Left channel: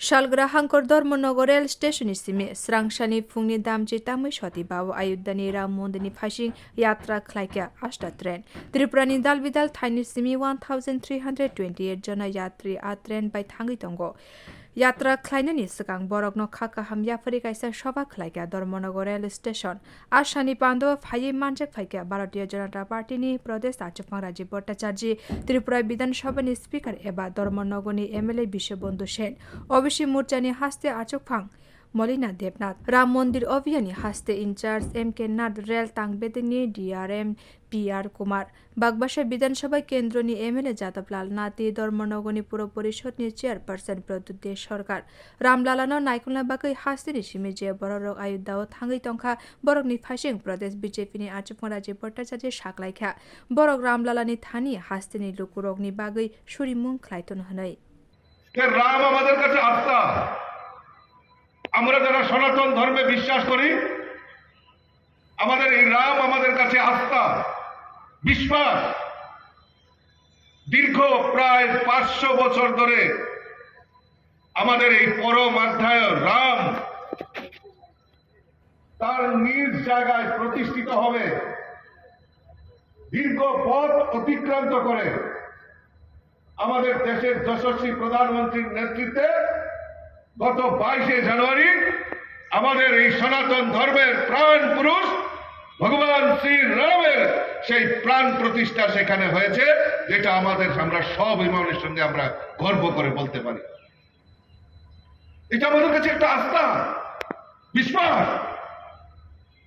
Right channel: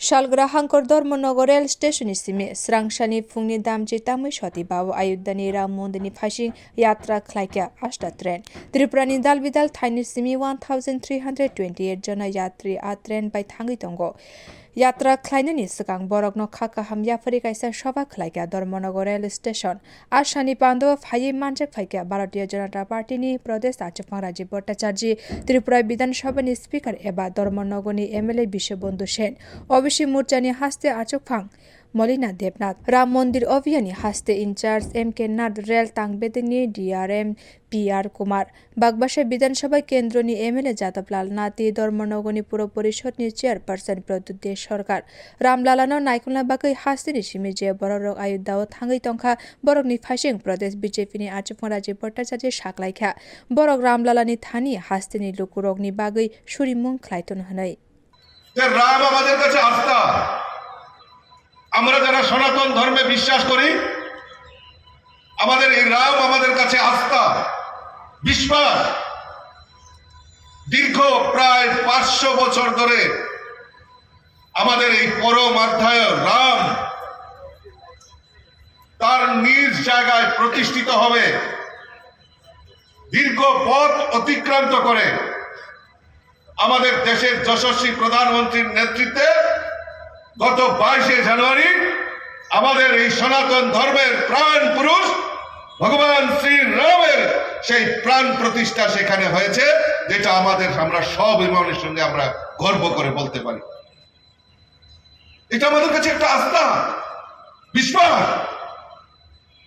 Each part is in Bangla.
Shalgra hangkor Dormonogo rail station simi srangshani fungni damji tamui shoti bawo ayuddani ram mondini phashing yatra khlaikya ashta train Tripurani dalbidal thaini simi 1328 jona yatri a train by thangi tongo Yatra khlainani sikang borokno khaka hamya phari kaisa sabha khlaikya Dormonogo rail station ashani pando phai manjak phaikya Bharatiya Janata Party ni Pradesh Achapang Rajiv Bhattacharya Tripura Bidhan Sabha ni speaker eba Dormonogo ni MLA Bishobandhu Sen Obishi Morchani haste Achapang Molina Debnath Ram Mandir Abhiyani haste incharge MK Nad Rail Tangbedini DRM PR Kumar Bagbasha Bidhan Sabha Kendro ni MLA Jatablal Nati Dormonogo ni Puro Porishod ni chairperson Pradyut Sarkar Ramlalano Naikulna Bakai haste ni Shimije Borok Ayuddao Thangai Tongkha Borok ni Phashing Pradesh BJP ni Achapang Rajiv Bhattacharya Saklaikha Borok Ramlalani Thani haste ni Lukurok ni Bagai Surimung Khlaiton Hanai Ram আমাদের কাছে আস্থা আমরা যারা সনাতন ধর্মে বিশ্বাস করি আমাদের এই রাম আমাদের কাছে আস্থা বিশ্বাস দীর্ঘ প্রায় 500 বছর ধরে আমাদের এই পরম অধ্যায় রাম তার নিজ জায়গায় প্রতিষ্ঠিত হবে দীর্ঘ পথ অতিক্রান্ত করে আমাদের দেশের যশস্বী প্রধানমন্ত্রীর নেতৃত্বে গত 22 জানুয়ারি আমাদের এই সনাতন ধর্মের প্রাণ পুরুষ ভগবান শ্রী রামের সেই প্রাণ প্রতিষ্ঠা সেখানে হয়েছে যেটা আমরা সব ইমানের সঙ্গে আমরা গর্ব করে বলতে পারি এটা আমাদের কাছে একটা আস্থা বিশ্বাস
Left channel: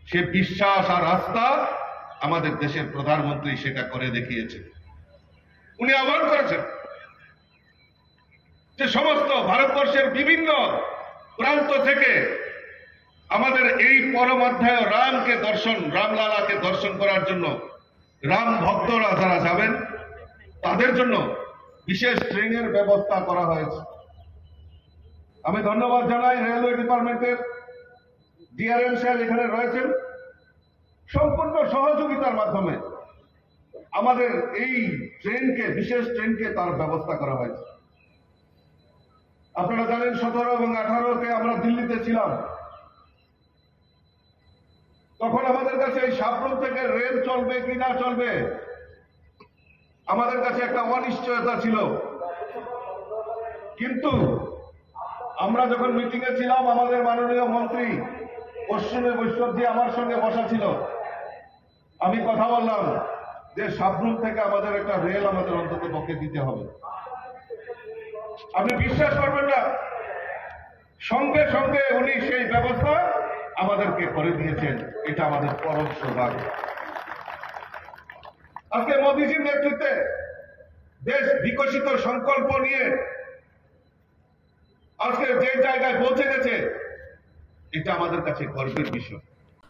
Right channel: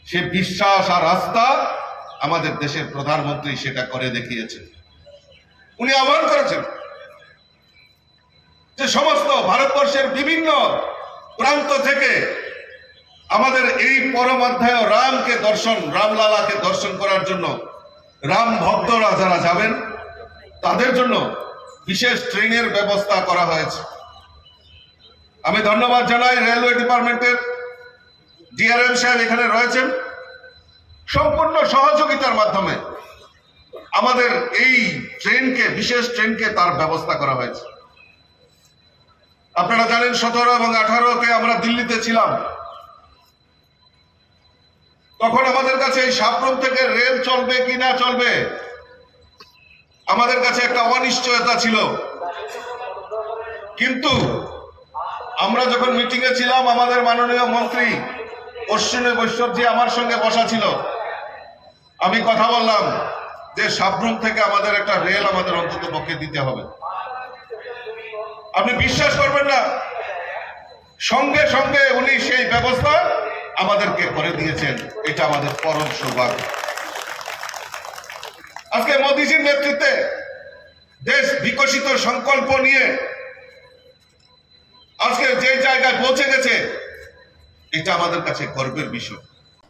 সে বিশ্বাস আর আস্থা আমাদের দেশের প্রধানমন্ত্রী সেটা করে দেখিয়েছে উনি আহ্বান করেছেন যে সমস্ত ভারতবর্ষের বিভিন্ন প্রান্ত থেকে আমাদের এই পরম অধ্যায় রামলালাকে দর্শন করার জন্য রাম ভক্তরা যারা যাবেন তাদের জন্য বিশেষ ট্রেনের ব্যবস্থা করা হয়েছে আমি ধন্যবাদ জানাই রেলওয়ে ডিপার্টমেন্টের ডিআরএম সাহেব এখানে রয়েছেন সম্পূর্ণ সহযোগিতার মাধ্যমে আমাদের এই বিশেষ ট্রেনকে তার ব্যবস্থা করা হয়েছে আপনারা জানেন 17 এবং 18-কে আমরা দিল্লিতে ছিলাম তখন আমাদের কাছে এই সাবরুম থেকে রেল চলবে কি না চলবে আমাদের কাছে একটা অনিশ্চয়তা ছিল কিন্তু আমরা যখন মিটিং এ ছিলাম আমাদের মাননীয় মন্ত্রী অশ্বিনী বৈষ্ণবজি আমার সঙ্গে বসা ছিল আমি কথা বললাম যে সাবরুম থেকে আমাদের একটা রেল আমাদের অন্তত পক্ষে দিতে হবে আপনি বিশ্বাস করবেন না সঙ্গে সঙ্গে উনি সেই ব্যবস্থা আমাদেরকে করে দিয়েছেন এটা আমাদের পরম সৌভাগ্য আজকে মোদিজির নেতৃত্বে দেশ বিকশিত সংকল্প নিয়ে আজকে যে জায়গায় পৌঁছে গেছে এটা আমাদের কাছে গর্বের বিষয়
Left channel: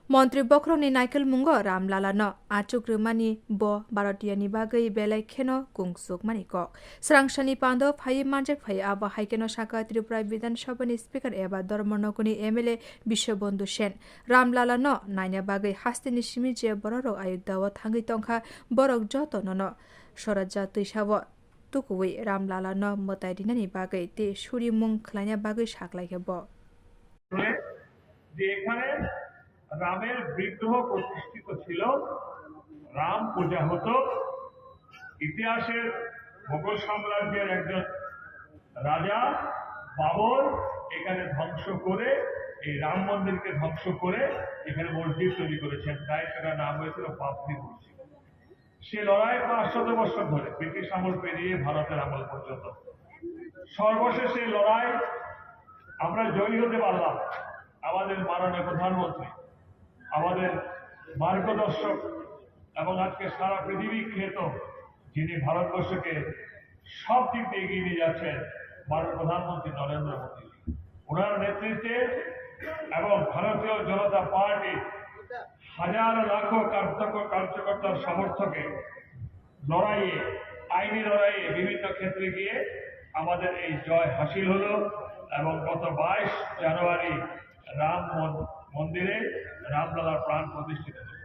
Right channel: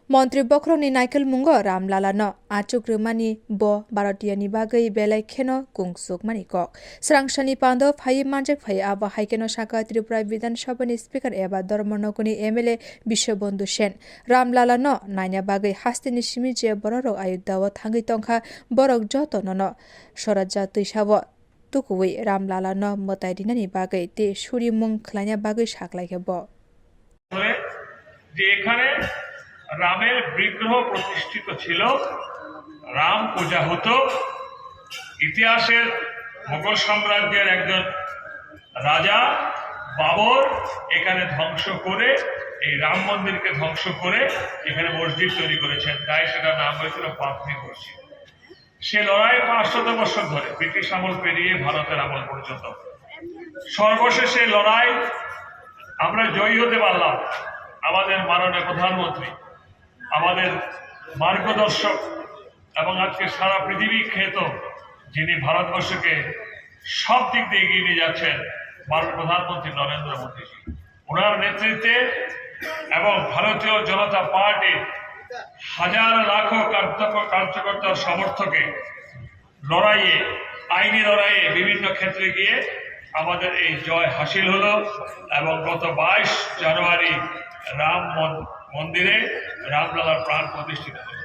Montri Bokroni Naikel Mungo Ramlala no Achuk Rumani Bo Bharatiya Bagai Belai Keno Kungsuk Maniko Srangshani Pando Phai Manjak Phai Aba Haikeno Shaka Tripura Bidhan Sabha ni speaker eba Dormonogo ni MLA Bishobandhu Sen Ramlala no Nanya Bagai hastini Shimije Borok Ayuddao Thangai Tongkha Borok Joto no Soraja Tuisabo Tukuwi Ramlala no Motaidinani Bagai te Surimung Khlanya Bagai Saklaike Bo যে এখানে রামের বিগ্রহ প্রতিষ্ঠিত ছিল রাম পূজা হতো ইতিহাসের মোগল সাম্রাজ্যের একজন রাজা বাবর এখানে ধ্বংস করে এই রাম মন্দিরকে ধ্বংস করে এখানে মসজিদ তৈরি করেছেন তাই সেটা নাম হয়েছিল বাবরি মসজিদ সে লড়াই 500 বছর ধরে ব্রিটিশ আমল পেরিয়ে ভারতের আমল পর্যন্ত সর্বশেষে লড়াই আমরা জয়ী হতে পারলাম আমাদের মাননীয় প্রধানমন্ত্রী আমাদের মার্গদর্শক এবং আজকে সারা পৃথিবী খ্যাত যিনি ভারতবর্ষকে সব দিক দিয়ে এগিয়ে নিয়ে যাচ্ছেন মাননীয় প্রধানমন্ত্রী নরেন্দ্র মোদীজি ওনার নেতৃত্বে এবং ভারতীয় জনতা পার্টির হাজার লাখো কার্যকর্তার সমর্থকে লড়াইয়ে আইনি লড়াইয়ে বিভিন্ন ক্ষেত্রে গিয়ে আমাদের এই জয় হাসিল হলো এবং গত 22 জানুয়ারি রাম মন্দিরে রামলালার প্রাণ প্রতিষ্ঠিত হল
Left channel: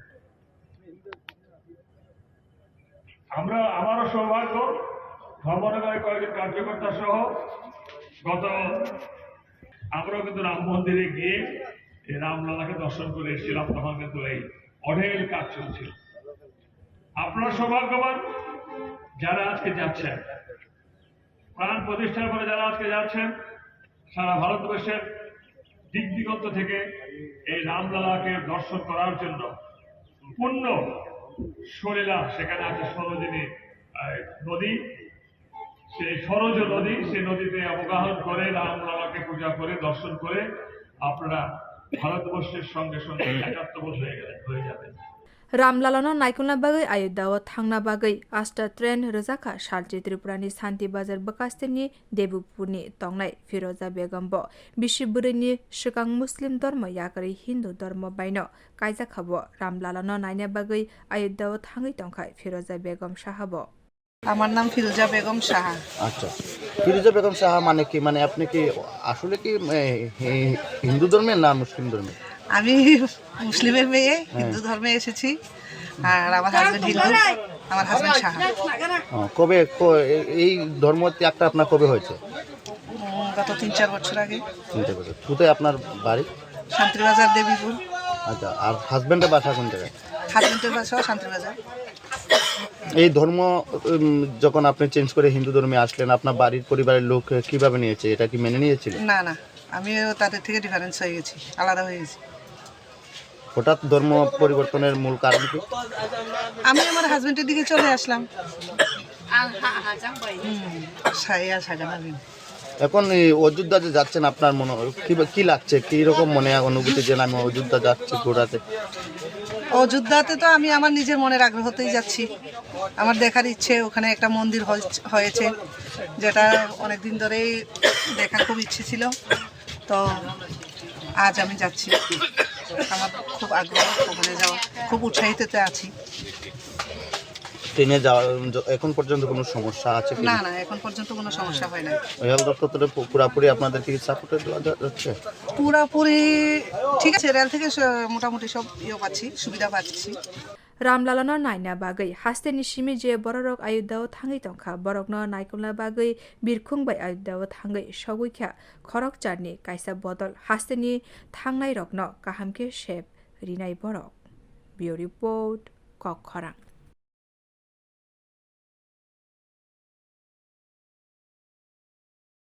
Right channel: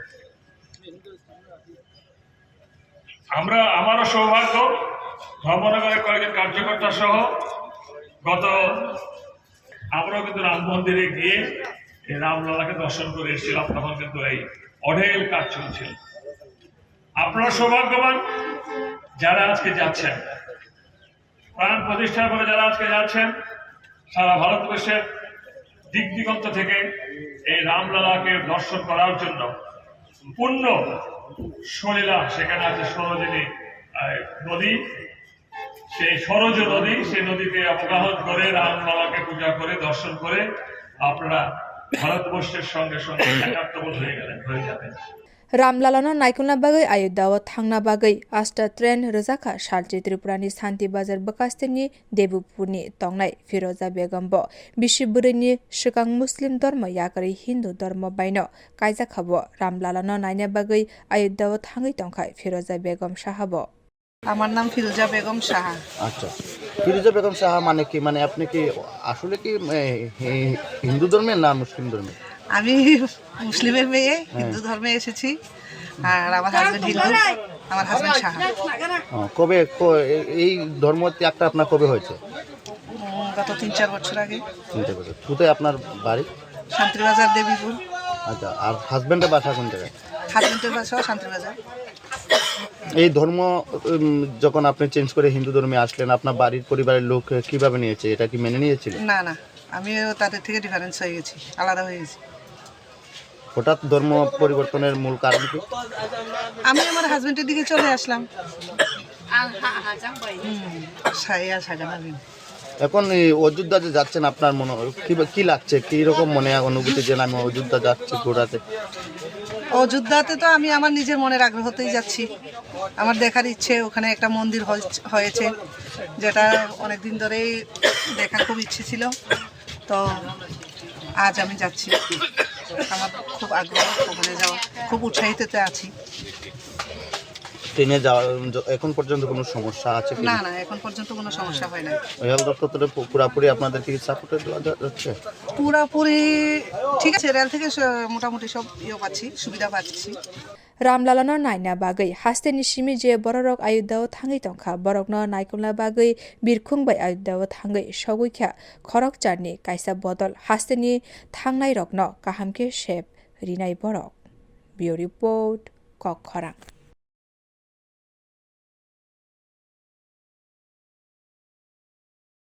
আমারও সৌভাগ্য ধর্মনগরের কয়েকজন কার্যকর্তা সহ গত আমরাও কিন্তু রাম মন্দিরে গিয়ে এই রামলালাকে দর্শন করে এসেছিলাম, তখন কিন্তু এই অঢেল কাজ চলছিল। আপনারা সৌভাগ্যবান যারা আজকে যাচ্ছেন, প্রাণ প্রতিষ্ঠার পরে যারা আজকে যাচ্ছেন, সারা ভারতবর্ষের দিক দিগন্ত থেকে এই রামলালাকে দর্শন করার জন্য পূর্ণ সলিলা, সেখানে আছে সরোজিনী নদী, সেই সরোজ নদী, সেই নদীতে অবগাহন করে রামলালাকে পূজা করে দর্শন করে আপনারা ভারতবর্ষের সঙ্গে সঙ্গে একাত্মবোধ হয়ে যাবেন। रामलालानो नायकुलना बागै आयोध्याव थांना बागै आस्टा ट्रेन रोजाखा सालची त्रिपुरानि शान्ति बाजार बकास्तेनि देबुपुरनि तंनाय फिरोजा बेगम ब बिशिबुरैनि सिगां मुस्लिम धर्म याकरै हिन्दु धर्म बायनो कायजाखाबो रामलालानो नायना बागै आयोध्याव थाङै तंखाय फिरोजा बेगम साहाब। আমার নাম ফিরোজা বেগম সাহা। আচ্ছা, ফিরোজা বেগম সাহা মানে কি, মানে আপনি কি আসলে কি হিন্দু ধর্মের না মুসলিম ধর্মের? আমি মুসলিমের মেয়ে, হিন্দু ধর্মে এসেছি। আর আমার হাজবেন্ড হিন্দু, আমার হাজবেন্ড সাহা। কবে এই ধর্ম ত্যাগটা আপনার কবে হয়েছে? গত 3-4 বছর আগে। 3 বছর। কোথায় আপনার বাড়ি? শান্তিবাজার দেবীপুর। আচ্ছা, আর হাজবেন্ডের বাসা কোন জায়গায়? হাজবেন্ডের বাসাও শান্তিবাজার। এই ধর্ম যখন আপনি চেঞ্জ করে হিন্দু ধর্মে আসলেন, আপনার বাড়ির পরিবারের লোক কিভাবে নিয়েছে? এটা কি মেনে নিয়েছিল? না না, আমিও তাদের থেকে ডিফারেন্স হয়ে গেছি, আলাদা হয়ে গেছি। হঠাৎ ধর্ম পরিবর্তনের মূল কারণ কি? আমি আমার হাজবেন্ডের দিকে চলে আসলাম। এখন এই অযোধ্যা যে যাচ্ছেন, আপনার মনে কি লাগছে, কি রকম মনে অনুভূতি যে আমি অযোধ্যা যাচ্ছি ঘোরাতে? অযোধ্যাতে তো আমি আমার নিজের মনের আগ্রহতেই যাচ্ছি। আমার দেখার ইচ্ছে, ওখানে একটা মন্দির হয়েছে যেটা অনেকদিন ধরেই দেখার খুব ইচ্ছে ছিল, তো আজ আমি যাচ্ছি। আমার খুব আগ্রহ ওখানে যাওয়া, খুব উৎসাহিততে আছি। ট্রেনে যাওয়া এখন পর্যন্ত কোনো সমস্যা আছে কি? না না, এখন পর্যন্ত কোনো সমস্যা হয় না। রেল দপ্তর থেকে পুরোপুরি আপনাদের কি সাপোর্ট দেওয়া যাচ্ছে? পুরোপুরি ঠিক আছে, রেল থেকে মোটামুটি সব পাচ্ছি, সুবিধা পাচ্ছি। रामलालानो नायना बागै हास्तेनि सिमी जे बररक आयोध्याव थाङै तंखा बरकनो नायकुलना बागै बिरखुंबाय आयोध्याव थाङै सगैख्या खरक चारनि कायसा बदल हास्तेनि थांनाय रकनो काहामके शेप रिनाय बरक। बियो रिपोर्ट कक खरां।